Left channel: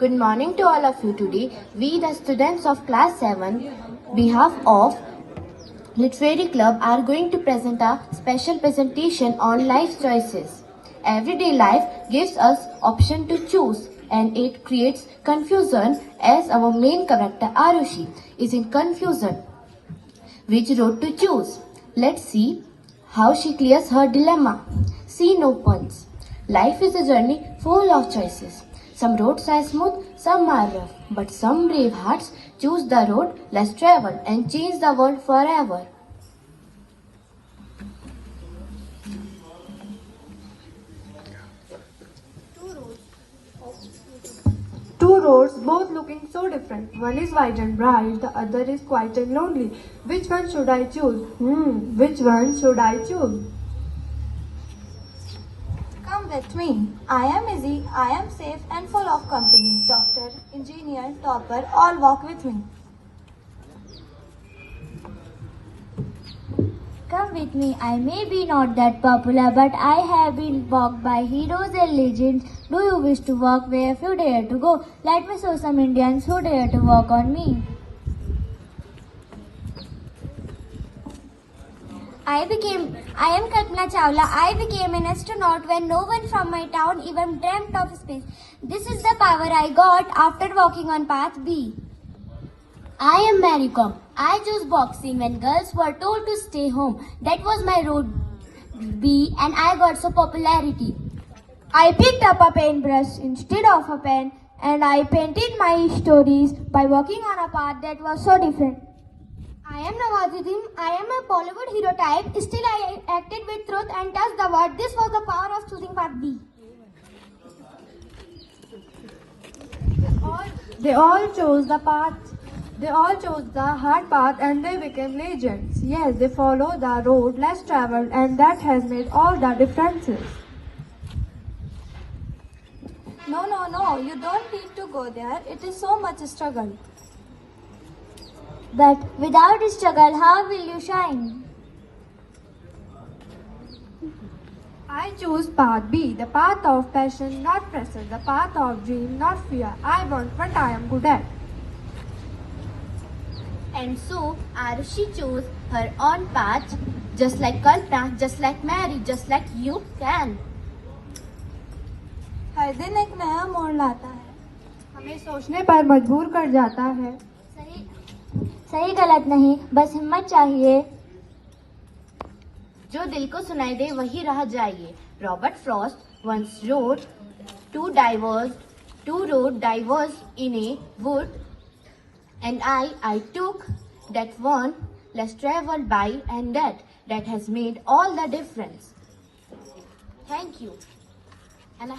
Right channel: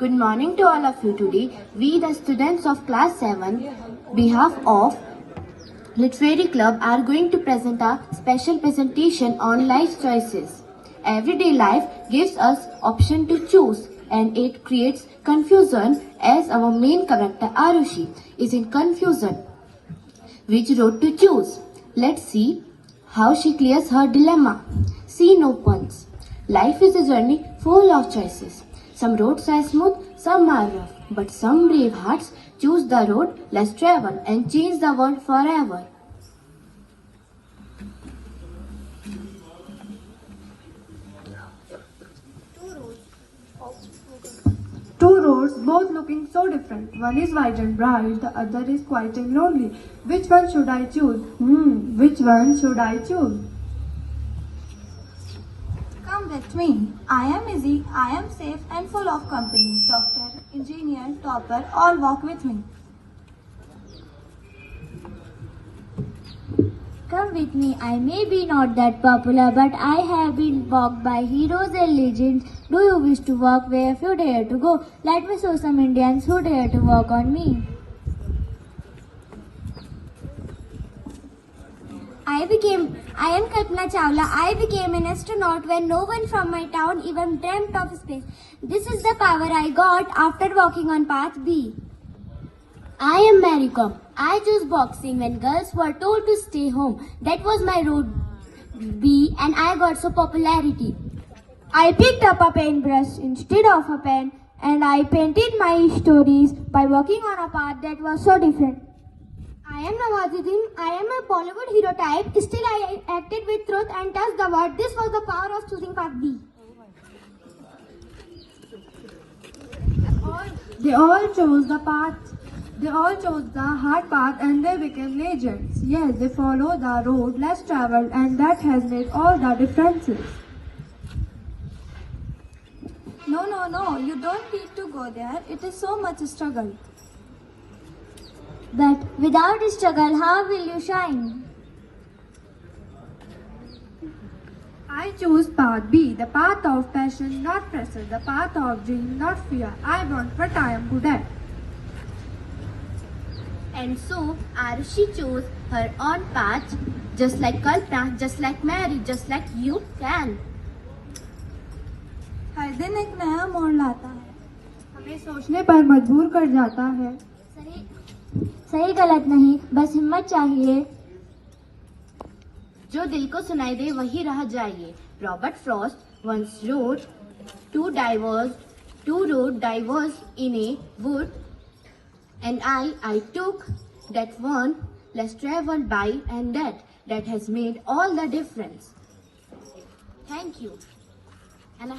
Good morning to all of you today. We, the students of class 7, behalf of Literary Club, are going to present a special presentation on life choices. Everyday life gives us option to choose, and it creates confusion as our main character Arushi is in confusion. Which road to choose? Let's see how she clears her dilemma. Scene opens. Life is a journey full of choices. Some roads are smooth, some are rough, but some brave hearts choose the road less traveled and change the world forever. Two roads, both looking so different. One is wide and bright, the other is quiet and lonely. Which one should I choose? Which one should I choose? Come with me. I am easy, I am safe and full of company. Doctor, engineer, topper, all walk with me. Come with me, I may be not that popular, but I have been walked by heroes and legends. Do you wish to walk where few dare to go? Let me show some Indians who dare to walk on me. I am Kalpana Chawla. I became an astronaut when no one from my town even dreamt of space. This is the power I got after walking on path B. I am Mary Kom. I chose boxing when girls were told to stay home. That was my road B, and I got so popularity. I picked up a paintbrush instead of a pen, and I painted my stories by walking on a path that was so different. I am Nawazuddin. I am a Bollywood hero type. Still, I acted with truth and touched the world. This was the power of choosing path B. They all chose the path. They all chose the hard path and they became legends. Yes, they follow the road less traveled and that has made all the differences. No, you don't need to go there. It is so much struggle. But without struggle, how will you shine? I choose path B, the path of passion, not pressure, the path of dream, not fear. I want what I am good at. And so Arushi chose her own path, just like Kalpana, just like Mary, just like you can. हर दिन एक नया मोड़ लाता है. हमें सोचने पर मजबूर कर जाता है. सही गलत नहीं, बस हिम्मत चाहिए. जो दिल को सुनाई दे वही राह जाइए. Robert Frost once wrote, two roads diverged in a wood, and I took that one less traveled by, and that has made all the difference. Thank you. And